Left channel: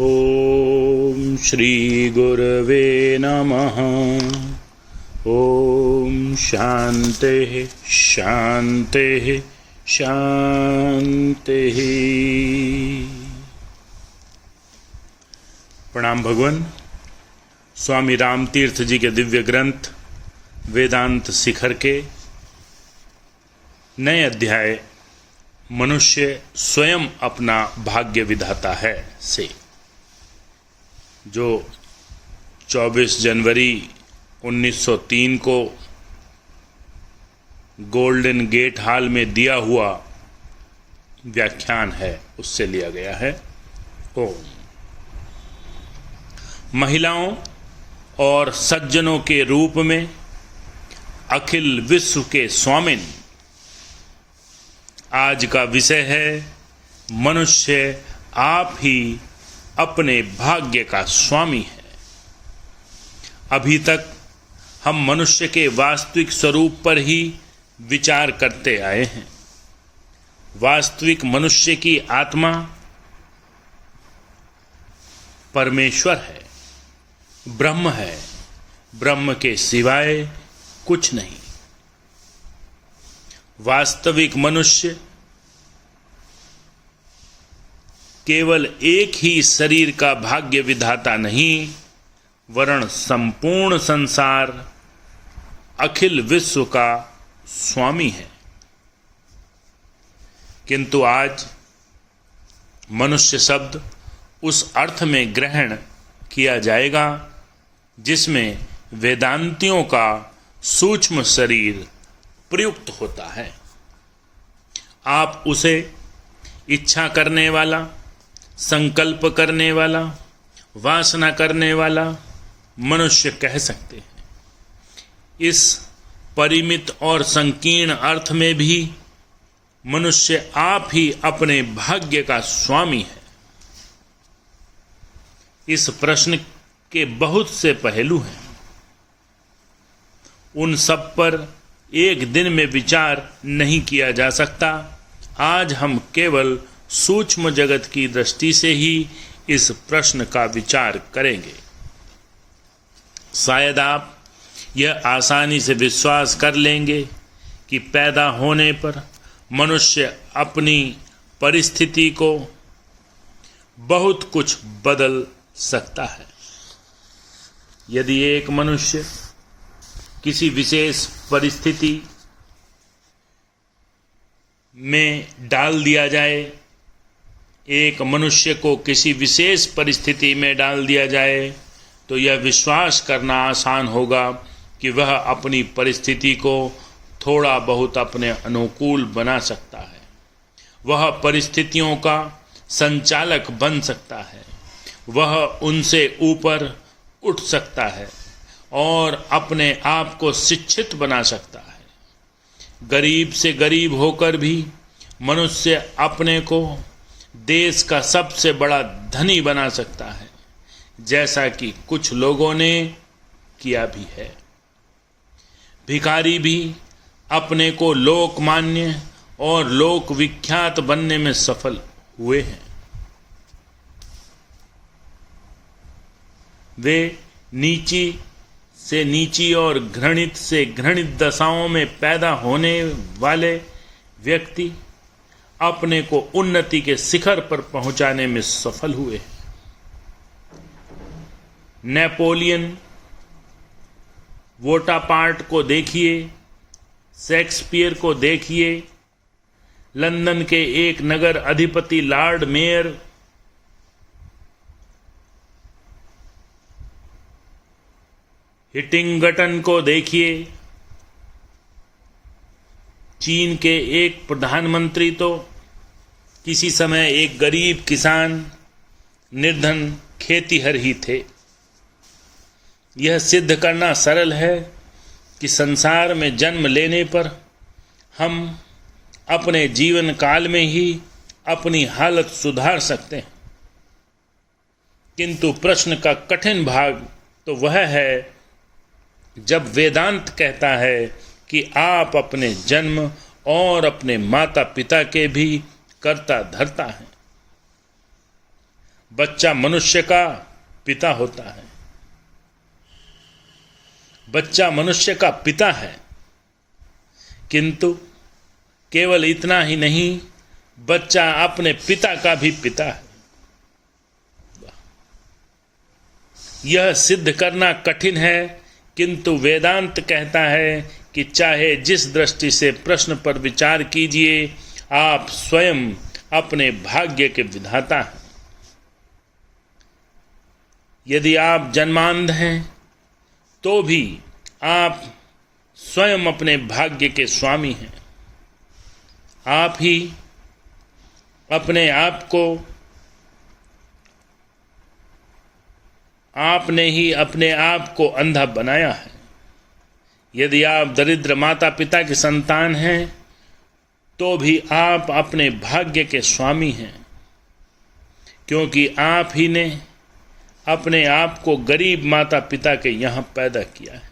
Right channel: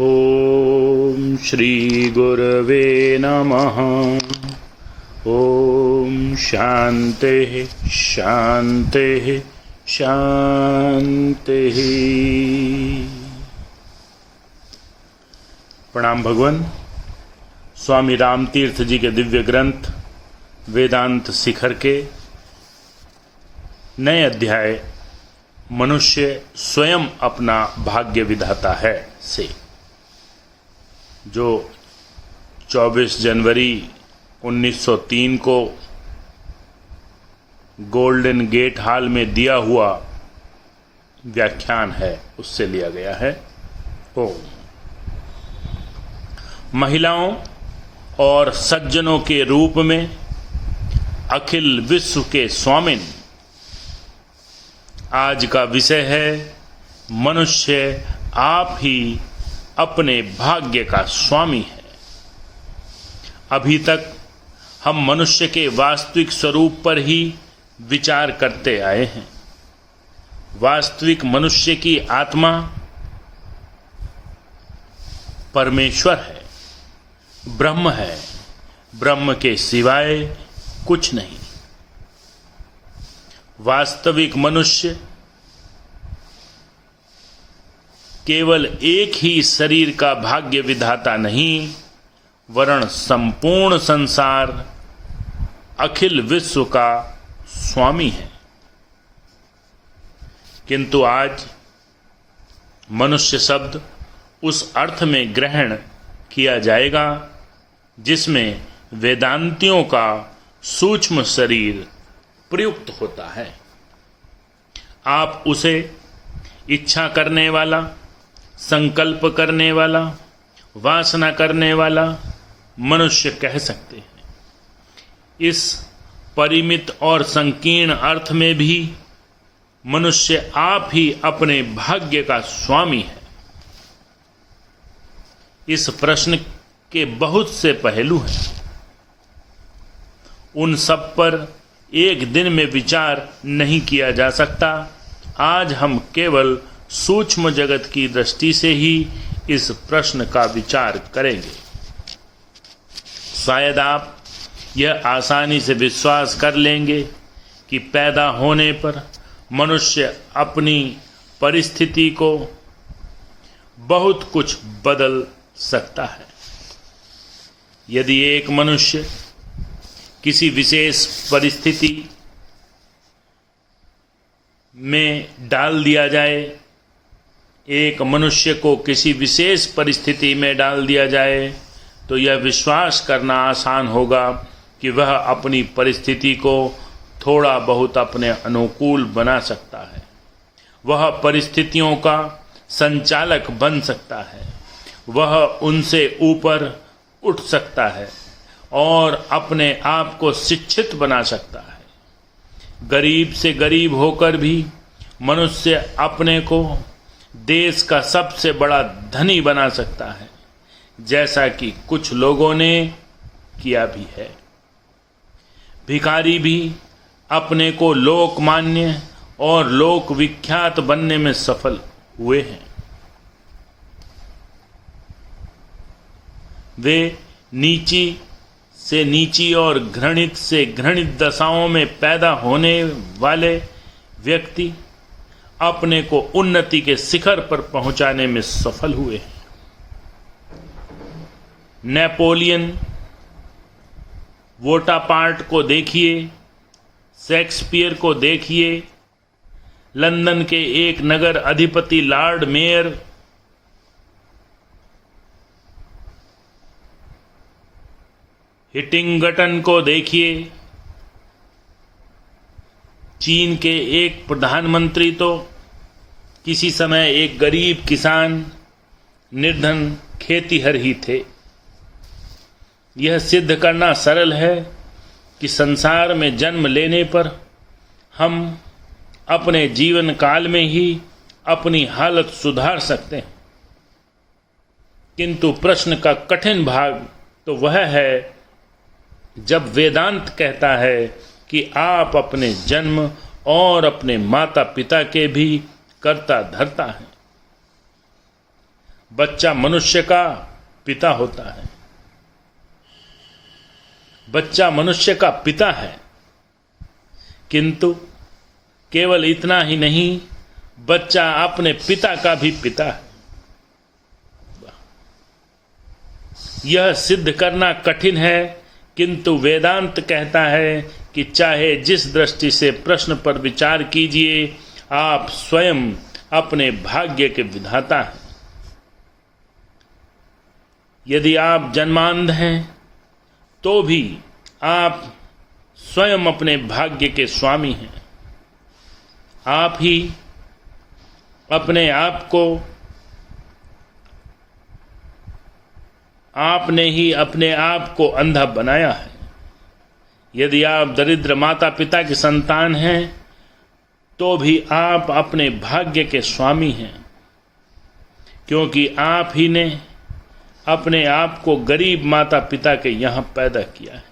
ओम श्री गुरवे नमः। ओम शांति शांति शांति। प्रणाम भगवान। स्वामी रामतीर्थ जी के दिव्य ग्रंथ वेदांत शिखर के नए अध्याय मनुष्य स्वयं अपना भाग्य विधाता है से, जो 24 जनवरी 1903 को गोल्डन गेट हॉल में दिया हुआ व्याख्यान है, उससे लिया गया है। महिलाओं और सज्जनों के रूप में अखिल विश्व के स्वामिन। आज का विषय है मनुष्य आप ही अपने भाग्य का स्वामी है। अभी तक हम मनुष्य के वास्तविक स्वरूप पर ही विचार करते आए हैं। वास्तविक मनुष्य की आत्मा परमेश्वर है, ब्रह्म है, ब्रह्म के सिवाय कुछ नहीं। वास्तविक मनुष्य केवल एक ही शरीर का भाग्य विधाता नहीं, वरन संपूर्ण संसार अखिल विश्व का स्वामी है। किंतु आज मनुष्य शब्द उस अर्थ में ग्रहण किया जाएगा जिसमें वेदांतियों का सूक्ष्म शरीर प्रयुक्त होता है। आप उसे इच्छा करने वाला, संकल्प करने वाला, वासना करने वाला मनुष्य कह सकते हैं। इस परिमित और संकीर्ण अर्थ में भी मनुष्य आप ही अपने भाग्य का स्वामी है। इस प्रश्न के बहुत से पहलू हैं। उन सब पर एक दिन में विचार नहीं किया जा सकता। आज हम केवल सूक्ष्म जगत की दृष्टि से ही इस प्रश्न का विचार करेंगे। शायद आप यह आसानी से विश्वास कर लेंगे कि पैदा होने पर मनुष्य अपनी परिस्थिति को बहुत कुछ बदल सकता है। यदि एक मनुष्य किसी विशेष परिस्थिति में डाल दिया जाए, एक मनुष्य को किसी विशेष परिस्थिति में डाल दिया जाए, तो यह विश्वास करना आसान होगा कि वह अपनी परिस्थिति को थोड़ा बहुत अपने अनुकूल बना सकता है। वह परिस्थितियों का संचालक बन सकता है। वह उनसे ऊपर उठ सकता है और अपने आप को शिक्षित बना सकता है। गरीब से गरीब होकर भी मनुष्य अपने को देश का सबसे बड़ा धनी बना सकता है, जैसा कि कुछ लोगों ने किया भी है। भिखारी भी अपने को लोकमान्य और लोक विख्यात बनने में सफल हुए हैं। वे नीची से नीची और घृणित से घृणित दशाओं में पैदा होने वाले व्यक्ति अपने को उन्नति के शिखर पर पहुंचाने में सफल हुए। नेपोलियन वोटापार्ट को देखिए, शेक्सपियर को देखिए, लंदन के एक नगर अधिपति लॉर्ड मेयर, हिटिंगटन को देखिए, चीन के एक प्रधानमंत्री तो किसी समय एक गरीब किसान, निर्धन खेतीहर ही थे। यह सिद्ध करना सरल है कि संसार में जन्म लेने पर हम अपने जीवन काल में ही अपनी हालत सुधार सकते हैं। किंतु प्रश्न का कठिन भाग तो वह है जब वेदांत कहता है कि आप अपने जन्म और अपने माता पिता के भी कर्ता धर्ता हैं। बच्चा मनुष्य का पिता होता है। बच्चा मनुष्य का पिता है, किंतु केवल इतना ही नहीं, बच्चा अपने पिता का भी पिता है। यह सिद्ध करना कठिन है, किंतु वेदांत कहता है कि चाहे जिस दृष्टि से प्रश्न पर विचार कीजिए, आप स्वयं अपने भाग्य के विधाता हैं। यदि आप जन्मांध हैं तो भी आप स्वयं अपने भाग्य के स्वामी हैं। आप ही अपने आप को, आपने ही अपने आप को अंधा बनाया है। यदि आप दरिद्र माता पिता के संतान हैं तो भी आप अपने भाग्य के स्वामी हैं, क्योंकि आप ही ने अपने आप को गरीब माता पिता के यहां पैदा किया है।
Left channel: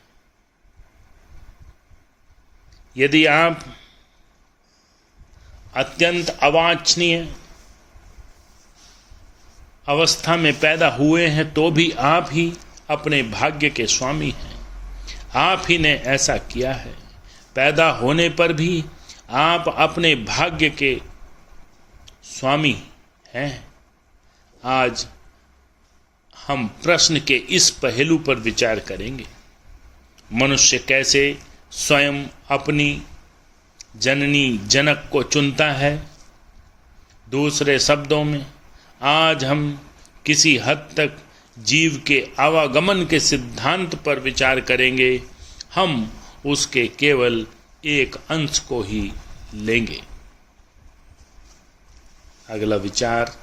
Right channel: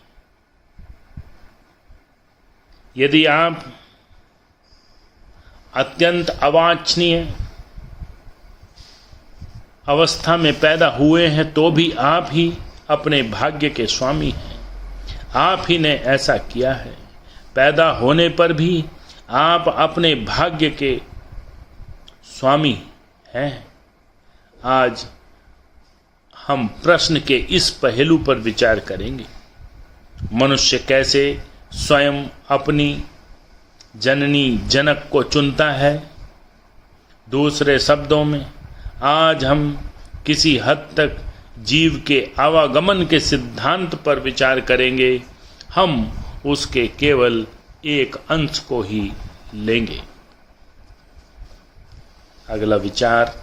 यदि आप अत्यंत अवांछनीय अवस्था में पैदा हुए हैं तो भी आप ही अपने भाग्य के स्वामी हैं। आप ही ने ऐसा किया है। पैदा होने पर भी आप अपने भाग्य के स्वामी हैं। आज हम प्रश्न के इस पहलू पर विचार करेंगे। मनुष्य कैसे स्वयं अपनी जननी जनक को चुनता है। दूसरे शब्दों में, आज हम किसी हद तक जीव के आवागमन के सिद्धांत पर विचार करेंगे। हम उसके केवल एक अंश को ही लेंगे। अगला विचार,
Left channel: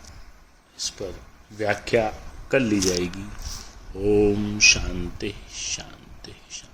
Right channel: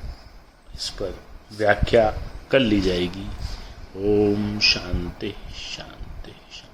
इस पर व्याख्या कर ली जाएगी। ओम शांति शांति शांति।